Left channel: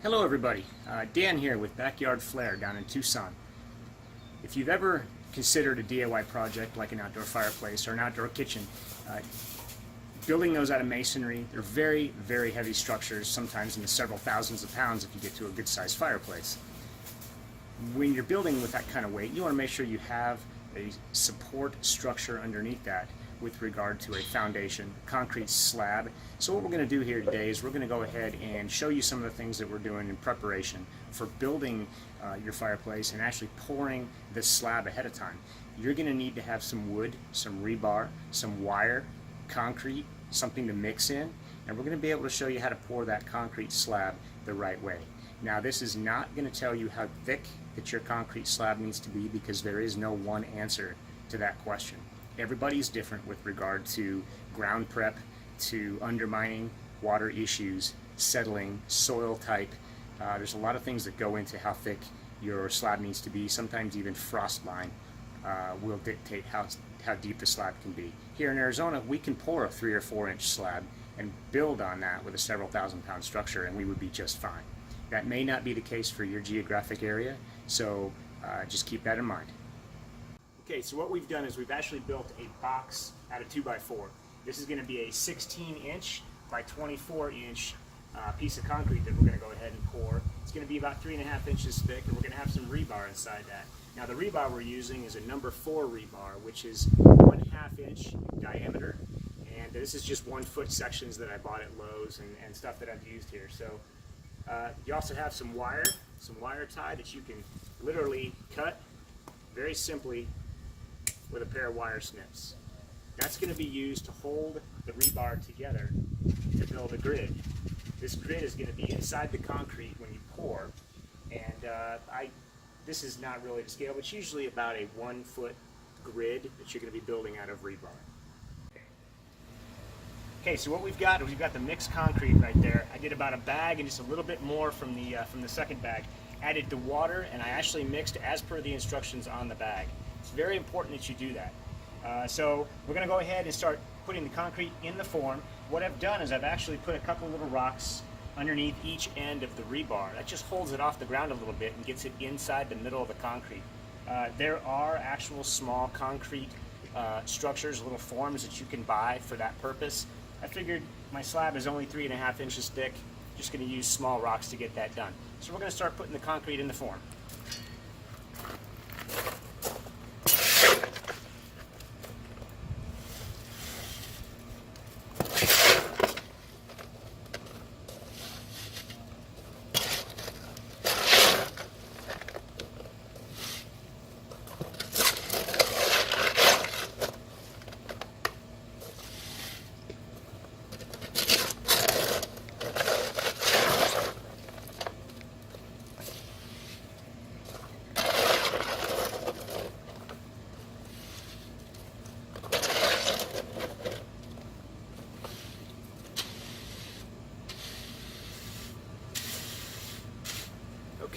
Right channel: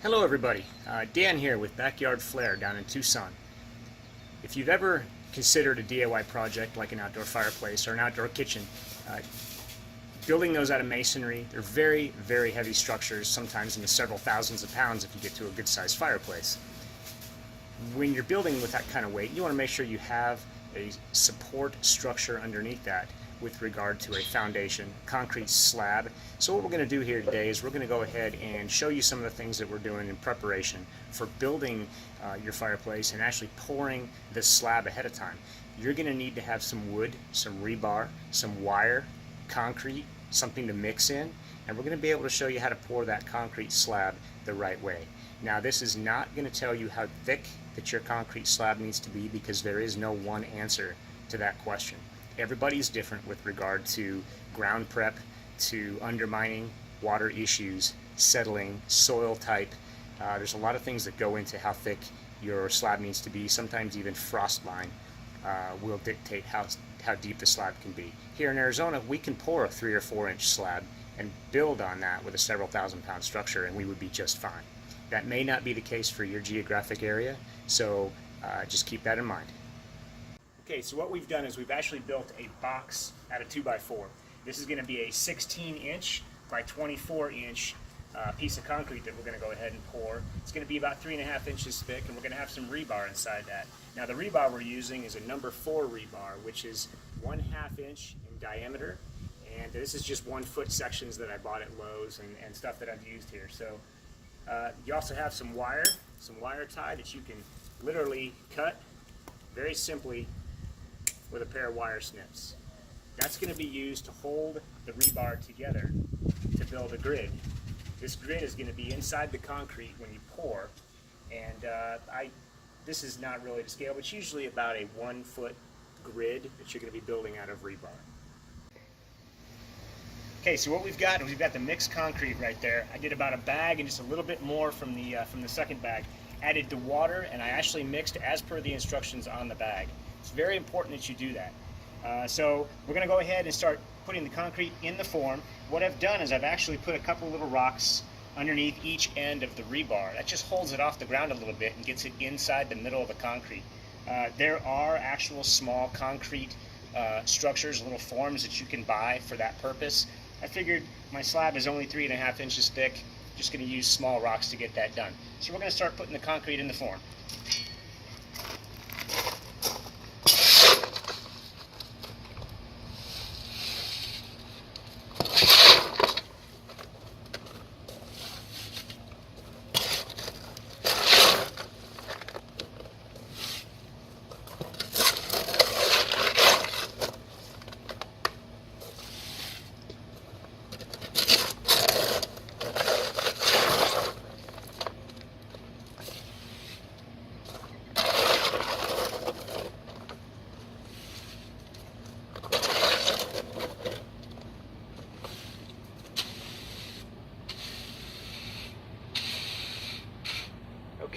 Hello everybody, Dan here with Backyard Flair down in Tucson. If you've ever considered a DIY project like an outdoor fireplace or an outdoor kitchen, building those out of masonry, they're very, very heavy structures, sometimes in the several thousands of pounds if you get to a good sized fireplace. When you're building with that kind of weight, you want to make sure you have a support structure underneath that with regard to a foundation, concrete slab. So what we're going to do here today is we're going to go ahead and show you some of the things that we're doing in preparation for building your fireplace and actually pouring this slab ahead of time. You're going to need to have some wood, some rebar, some wire, concrete, something to mix in, and we're going to be able to show you how to pour that concrete slab the right way. Now, this is not going to tell you how thick that your concrete slab needs to be, because there is no one answer to that question. Everybody's different with regard to ground prep, to undermining, water issues, settling, soil type. There's a lot of things that go into how thick your slab needs to be. Sometimes even frost line will dictate how deep the slab can be. Here in Arizona, we can pour a 3 or 4 inch slab and build on that with a several thousand pound structure, and we would be just fine. That may not be the case for your geographic area, so just keep that in mind. Okay, so what we've done is we've actually built a box out of 2x4. This is going to be a 16-inch by 24-inch piece of concrete that we're going to go ahead and pour. It's going to be about 3.5 inches thick, and we're going to have some rebar inside that. Now, the rebar we're using is a number 4 rebar, which is 1/2 inch diameter, and this is just 1 foot sections that I bought at Lowe's and stuff that I've used here. So you also have some wire tie that you can literally cut very simply with a pair of wire snips. That's going to be used to hold the rebar together to build a grid. This grid is going to be inside the concrete when you pour, and this is not really to scale, but it's usually about a 1 foot grid that you're going to be building out of rebar. Okay, so what we've got is we've got the mixed concrete right there. I did about a bag and just a little bit more from the second bag. Added the water, and I actually mixed as per the instructions on the bag. It's very important that you do that. So we're going to go ahead and start putting the concrete in the form. What I've done is I've actually put a couple little rocks underneath each end of the rebar. That just holds it off the ground a little bit and gets it inside the middle of the concrete. There are actual small concrete structures, little forms that you can buy for that purpose. I figured my slab is only 3.5 inches thick. Just going to use small rocks to get that done. So we're going to start putting the concrete in the form.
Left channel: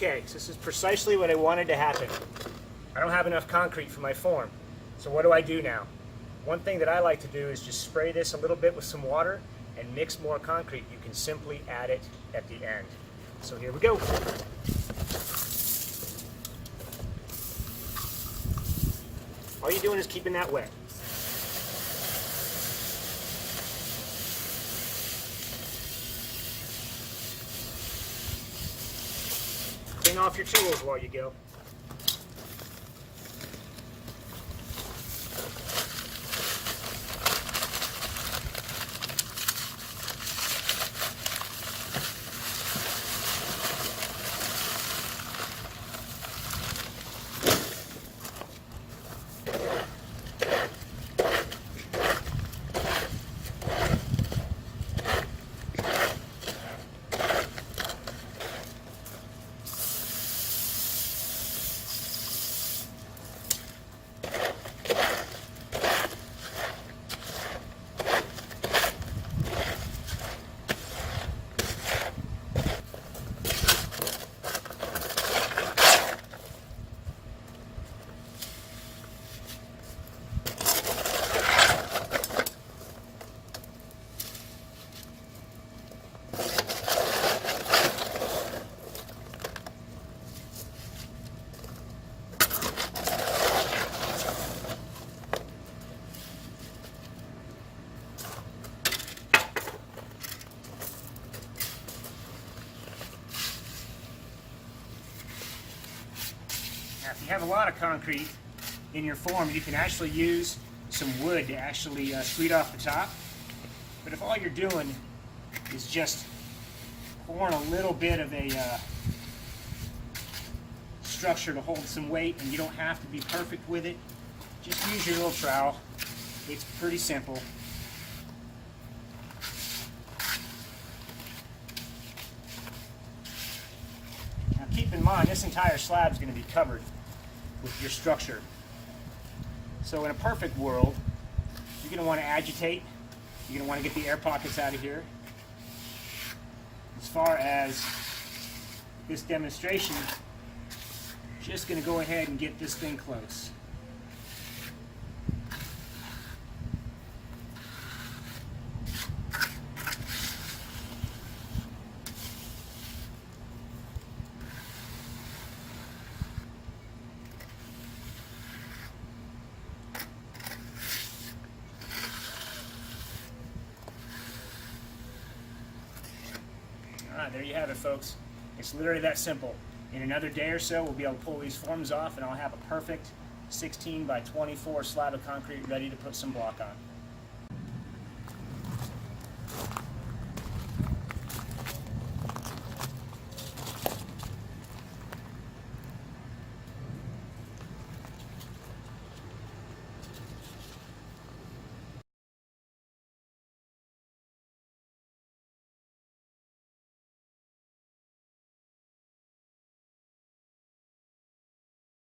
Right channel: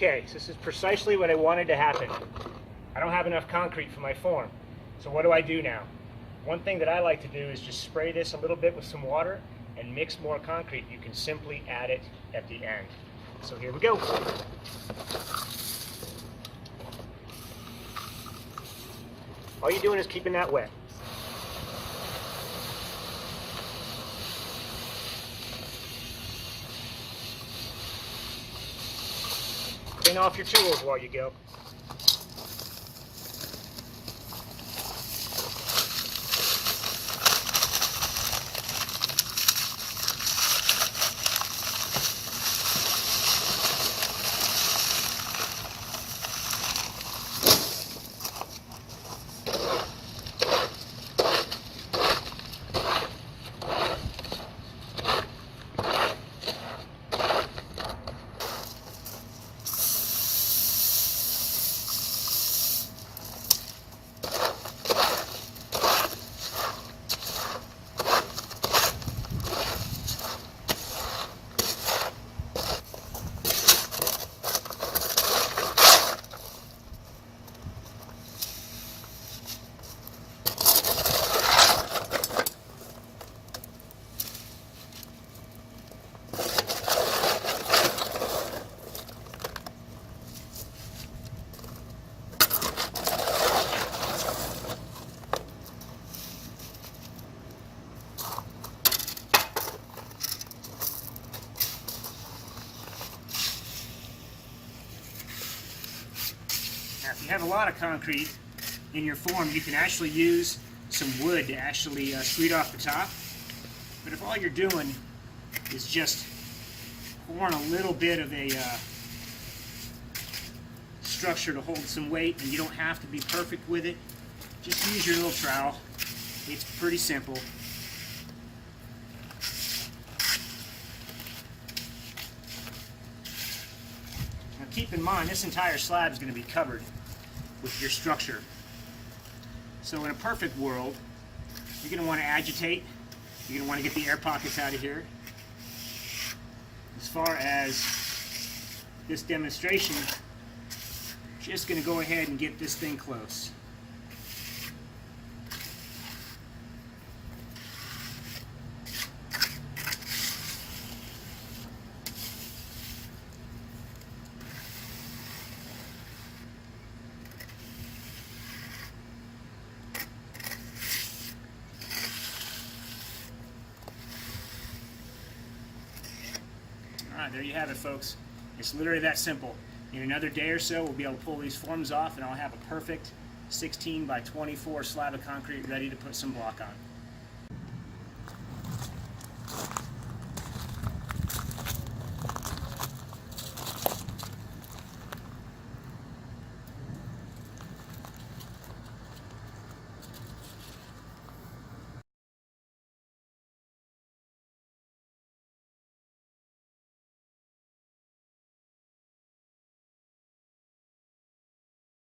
Okay, so this is precisely what I wanted to happen. I don't have enough concrete for my form. So what do I do now? One thing that I like to do is just spray this a little bit with some water and mix more concrete. You can simply add it at the end. So here we go. All you're doing is keeping that wet. Clean off your tools while you go. have a lot of concrete in your form, you can actually use some wood to actually sweep off the top. But if all you're doing is just pouring a little bit of a structure to hold some weight, and you don't have to be perfect with it, just use your little trowel. It's pretty simple. Now keep in mind, this entire slab is going to be covered with your structure. So in a perfect world, you're going to want to agitate. You're going to want to get the air pockets out of here. As far as this demonstration, just going to go ahead and get this thing close. Alright, there you have it, folks. It's literally that simple. In another day or so, we'll be able to pull these forms off, and I'll have a perfect 16 by 24 slab of concrete ready to put some block on.